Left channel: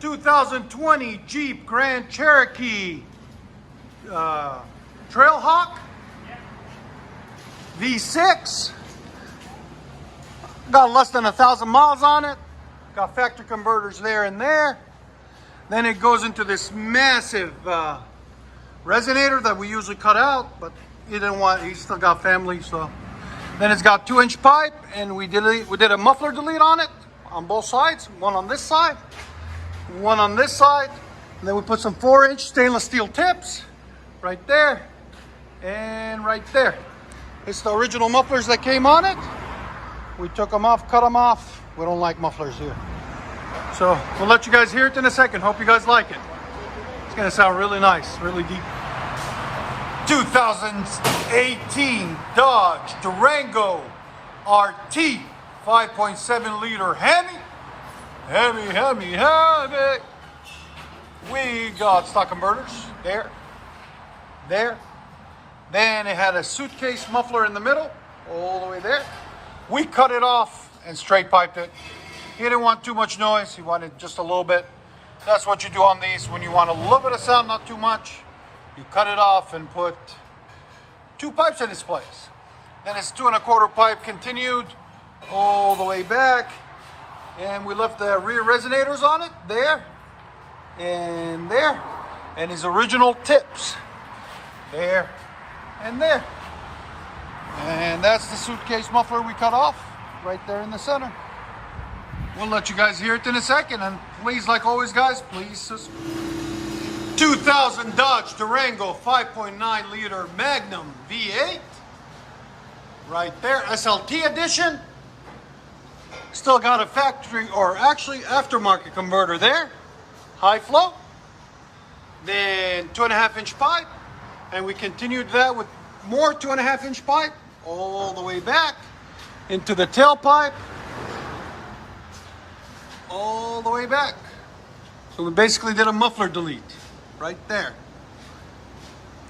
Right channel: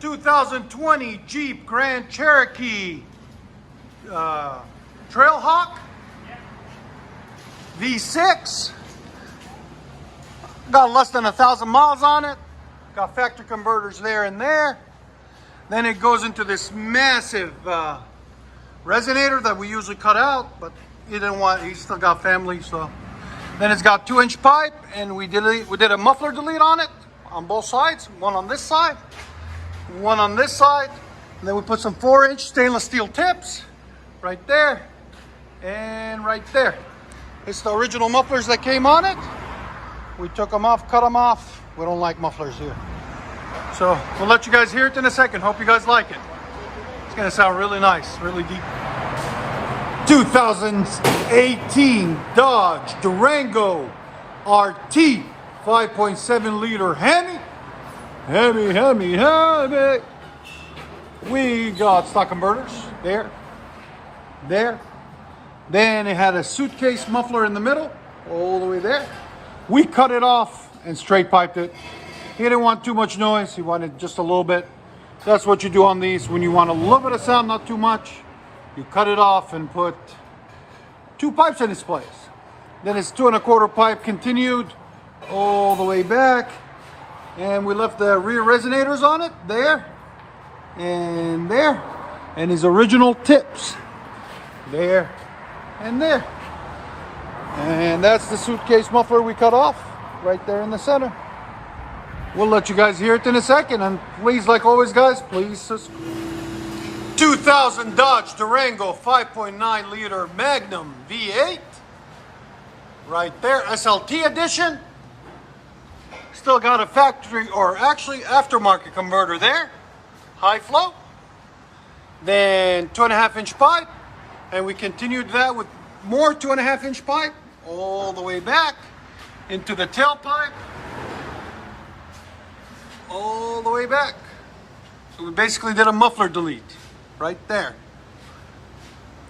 2020 Jeep Grand Cherokee Trackhawk V6. Got less than 1,000 miles on it. Got factory converters there and there. Then it goes into this massive resonator that we usually cut out, but he didn't want. He still got family, so. Then it's got 2-inch pipe, and we did a muffler delete on it on both sides. One on this side, one on this side. And then we put some 4-inch stainless steel tips right there and right there. It's the original mufflers that came on it. We took them off, cut them off. We don't like mufflers here. So we'll let you guys hear it in a second. Hope you guys like it. It's gonna sound really nice, really deep. 2018 Dodge Durango RT 5.7 liter Hemi. We got stock converters there. Then it had a suitcase muffler in the middle, all the way there. We cut it off and straight piped it. He didn't want too much noise, he wanted just a little bit. That's what you do on these when you want a little bit of sound, not too much. You cut it off and put 2 pipes in its place. Then it's 2 1/4 pipe continued all the way back. And we left the rear resonators on it, there and there. And his original tips, there and there. And that's the suitcase muffler we cut off, right there in the center. We'll let you guys hear it in a second, and please, like always, guys, please subscribe. 2000 Dodge Durango 5.9 liter Magnum V8, right there, SLT edition. Still got a factory, or actually aftermarket converter there, high flow. Then 2.5-inch pipe, and we continued that with more 2.5-inch pipe all the way back into the tailpipe, all the way back. So we basically did a muffler delete right there.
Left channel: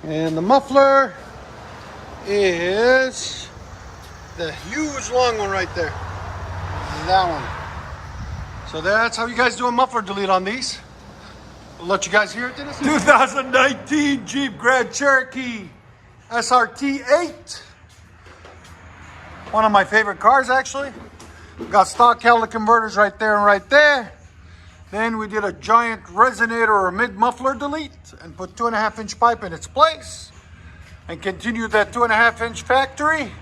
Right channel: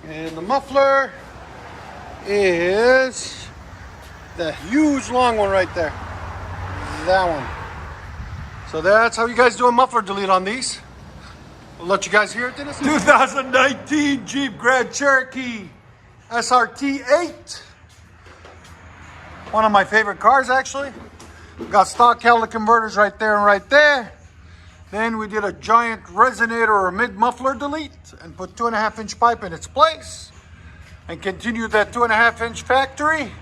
And the muffler is the huge long one right there. That one. So that's how you guys do a muffler delete on these. We'll let you guys hear it in a second. 2019 Jeep Grand Cherokee SRT 8. One of my favorite cars, actually. Got stock catalytic converters right there and right there. Then we did a giant resonator or mid muffler delete and put 2.5-inch pipe in its place. And continued that 2.5-inch factory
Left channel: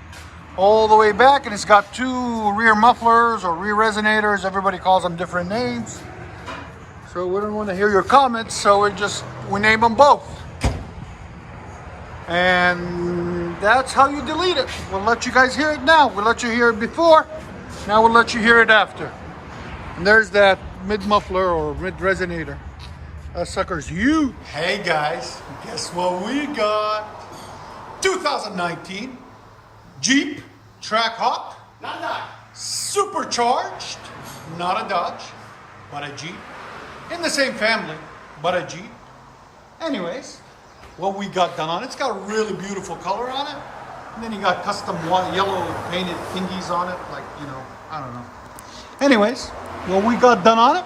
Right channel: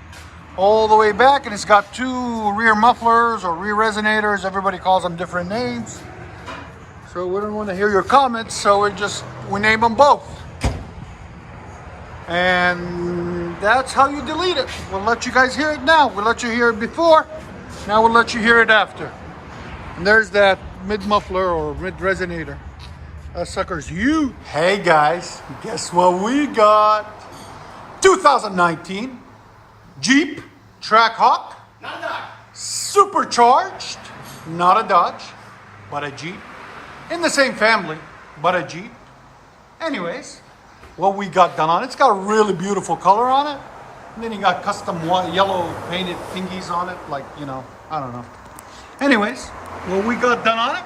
all the way back. And it's got 2 rear mufflers or rear resonators. Everybody calls them different names. So we don't want to hear your comments, so we name them both. And that's how you delete it. We'll let you guys hear it now. We'll let you hear it before. Now we'll let you hear it after. And there's that mid muffler or mid resonator. That sucker's huge. Hey guys, guess what we got? 2019 Jeep Trackhawk. Not Dodge. Supercharged. Not a Dodge, but a Jeep. In the same family, but a Jeep. Anyways, what we got done on it, it's got a really beautiful color on it. And then you got custom yellow painted thingies on it, like, you know, I don't know. Anyways, what we got done on it,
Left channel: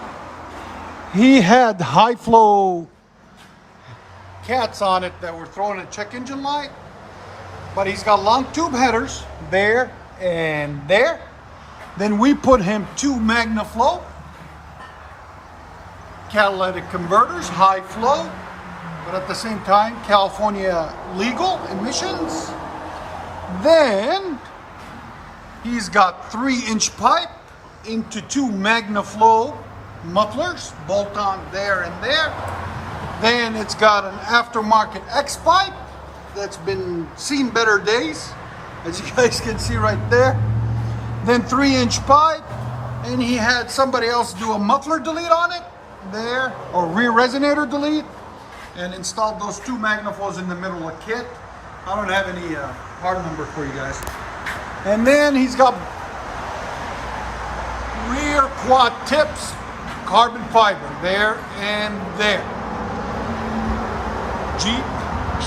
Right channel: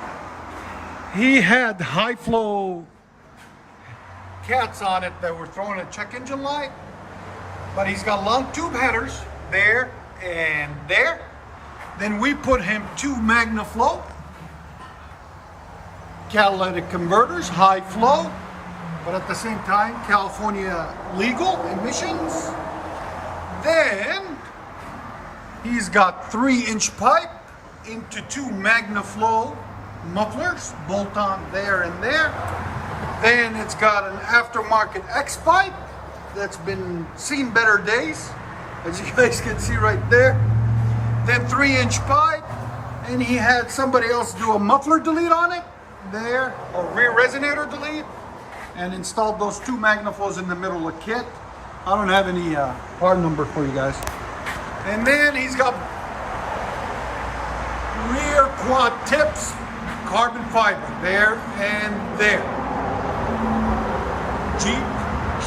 he had high flow cats on it that were throwing a check engine light, but he's got long tube headers there and there. Then we put him 2 MagnaFlow catalytic converters, high flow, but at the same time, California legal emissions. Then he's got 3-inch pipe into 2 MagnaFlow mufflers, bolt on there and there. Then it's got an aftermarket X pipe that's been seen better days, as you guys can see right there. Then 3-inch pipe, and he had somebody else do a muffler delete on it there, or rear resonator delete, and installed those 2 MagnaFlows in the middle of the kit. I don't have any part number for you guys. And then he's got rear quad tips, carbon fiber there and there. Jeep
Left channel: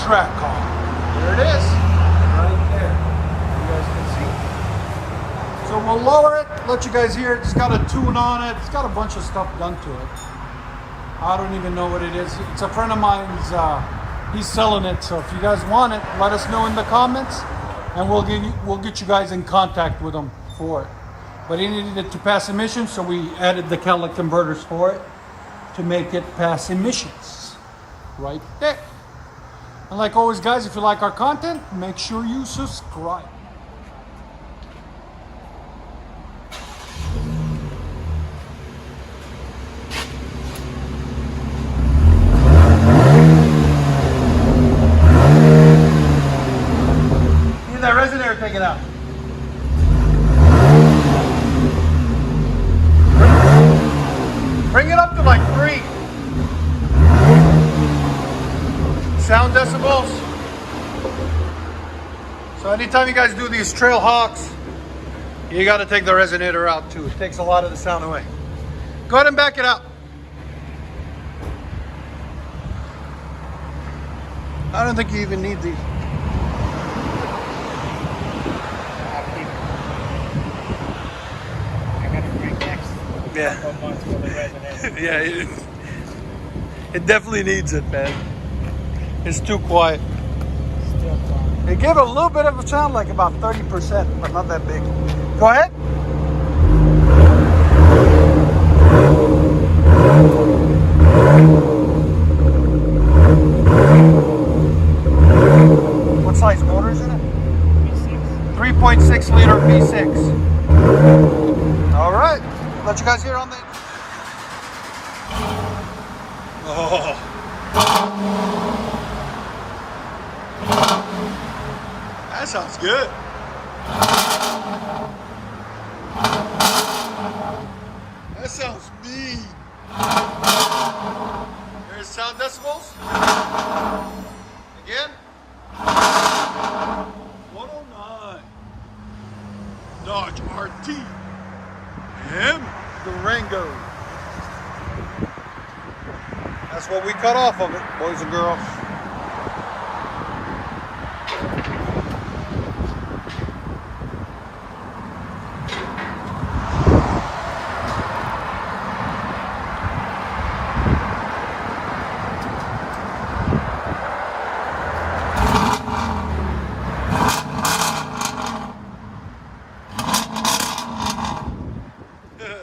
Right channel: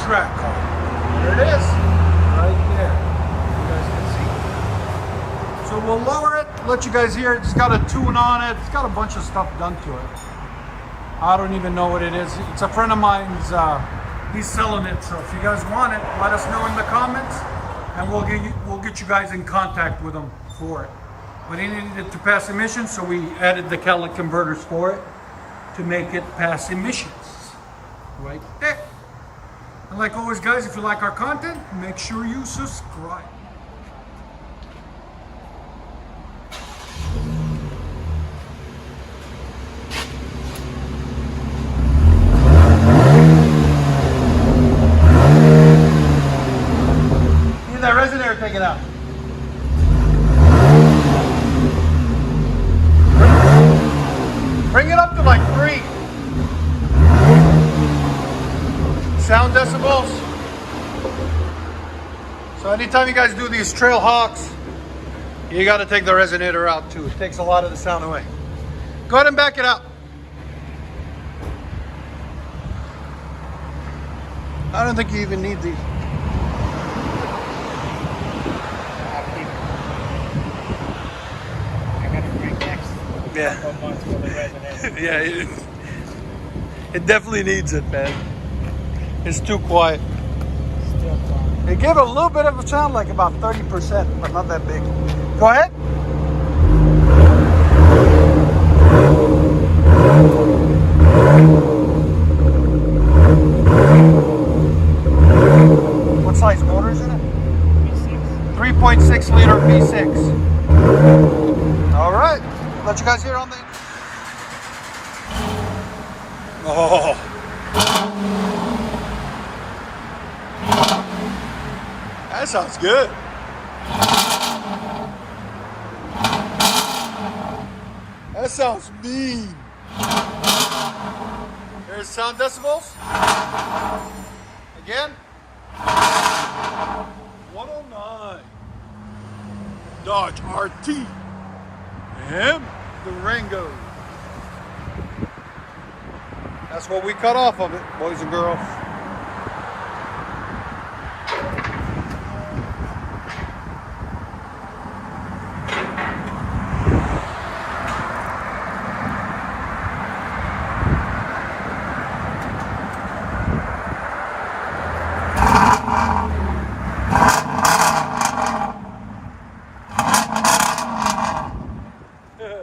Trackhawk. There it is, right there. You guys can see. So we'll lower it, let you guys hear it. It's got a tune on it. It's got a bunch of stuff done to it. I don't even know what it is. It's a friend of mine's, he's selling it. So if you guys want it, let us know in the comments and we'll get you guys in contact with him for it. But he needed it to pass emissions, so we added the catalytic converters for it to make it pass emissions. Right there. And like always, guys, if you like our content, make sure you subscribe. Need that resonator taken out. Bring it up to like 3. Sound decibels. So anytime you guys do these trail hawks, you got to take the resonator out too. It takes a lot of the sound away. Go ahead and back it up. I don't think you even need these. Yeah. Yeah, it definitely needs it, man. It's too quiet. Still quiet. It gave a little bit of a sound, like about 30%, but not that big. Go ahead. What size motor is in it? V6. 3.6 liter V6. All right. Let you guys hear on the... Oh. That sounds good. That sounds mean. There's sound decibels. Again. 109. Dodge RT. Durango. That's what we cut off of it, boys and girls.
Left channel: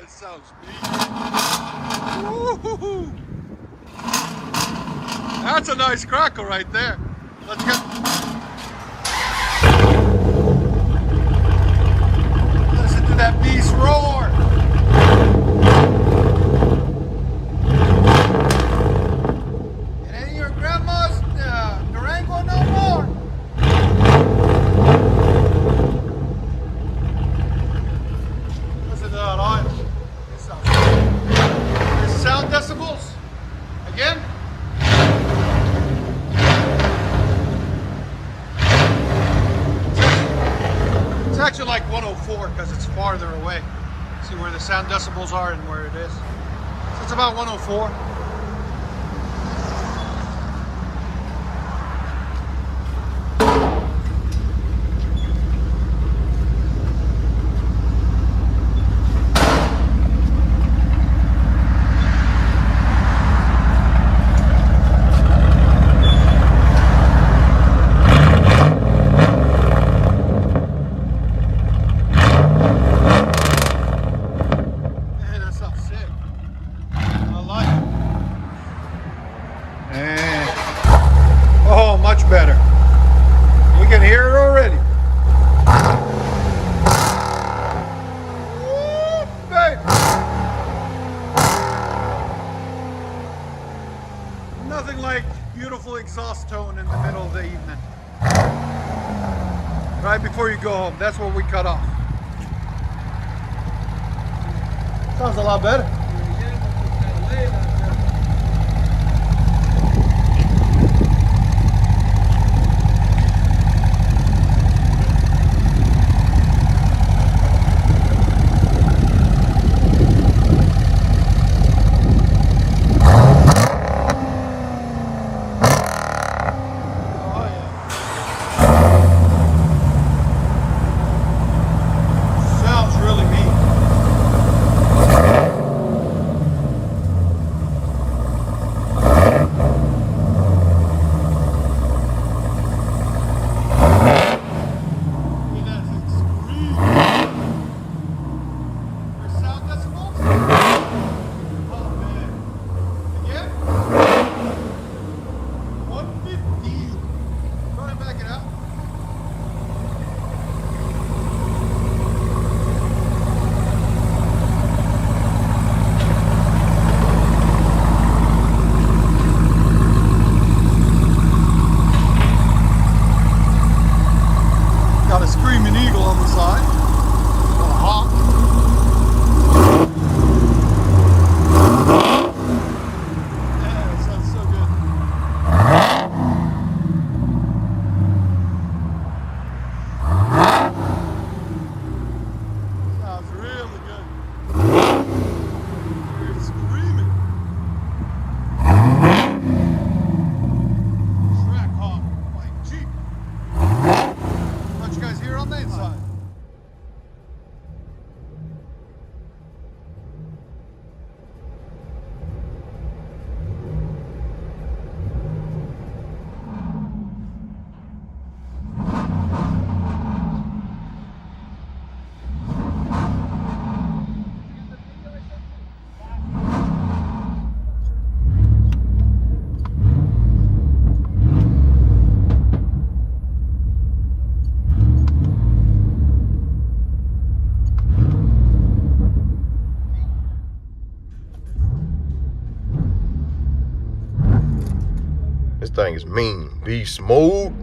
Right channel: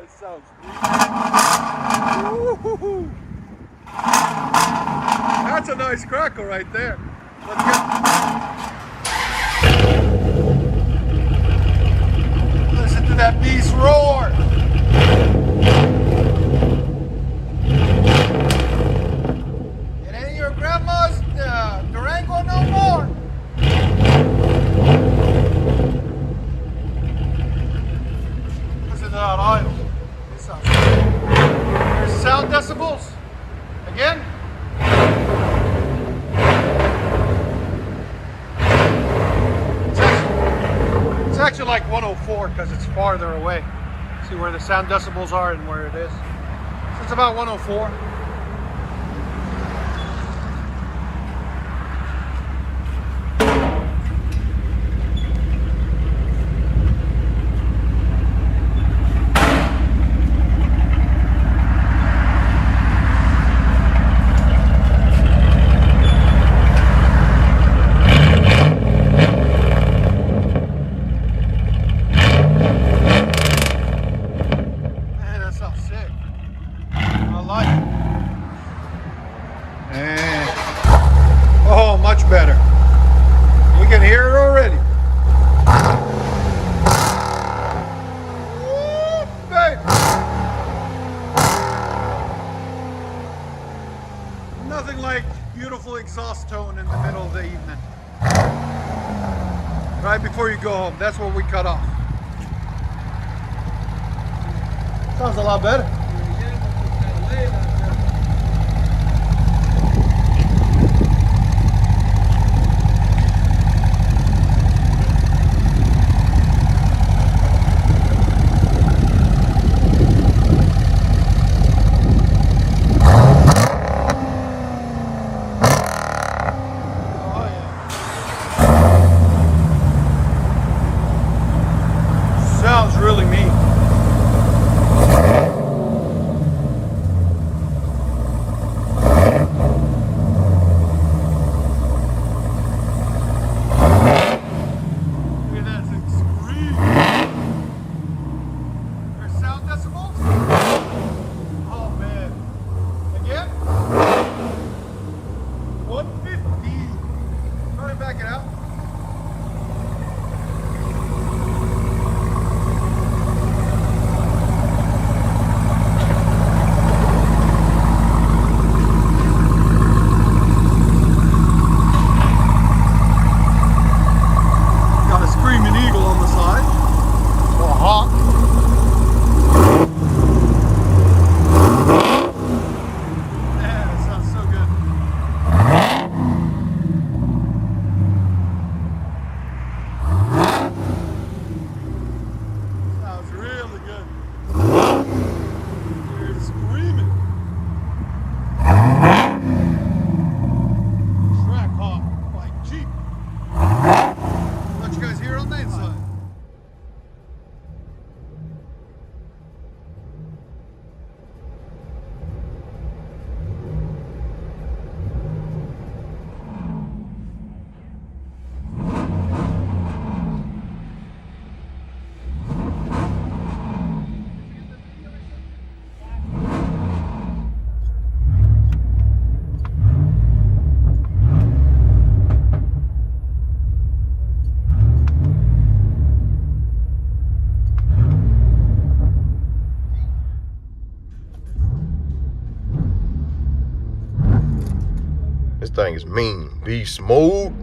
Sounds neat. That's a nice crackle right there. Let's get. Listen to that beast roar. It ain't your grandma's Durango no more. Listen to that idle. There's sound decibels. Again. It's actually like 104 because it's farther away. See where the sound decibels are and where it is. So it's about 104. Much better. You can hear it already. Woo, baby. Nothing like beautiful exhaust tone in the middle of the evening. Right before you go home. That's what we cut off. Sounds a lot better. This thing is mean. Beast mode.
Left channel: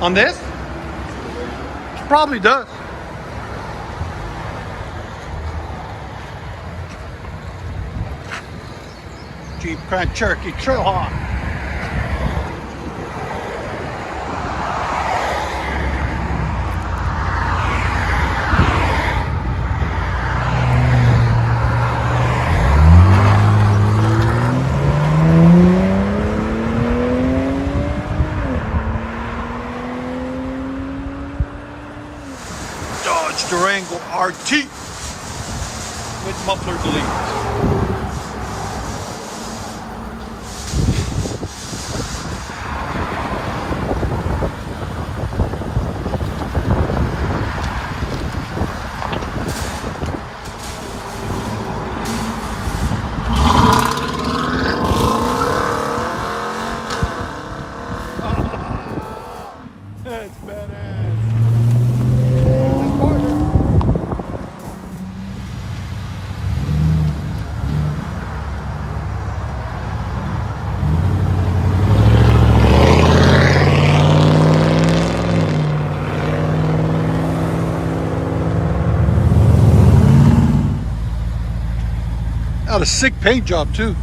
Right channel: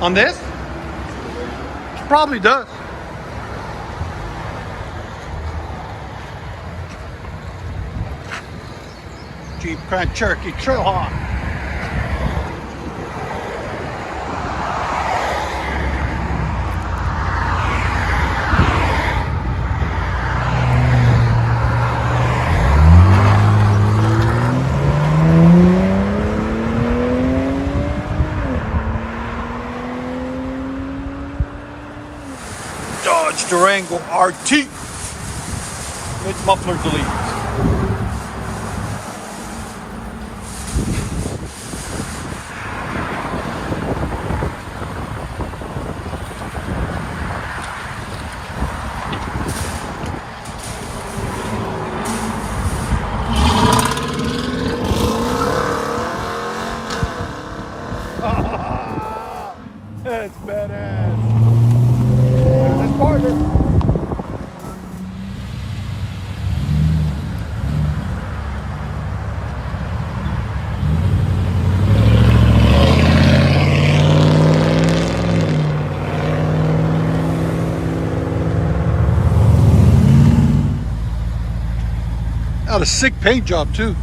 On this? Probably does. Jeep Grand Cherokee Trackhawk. Dodge Durango RT. Mid muffler delete. That's badass. That's part Got a sick paint job too.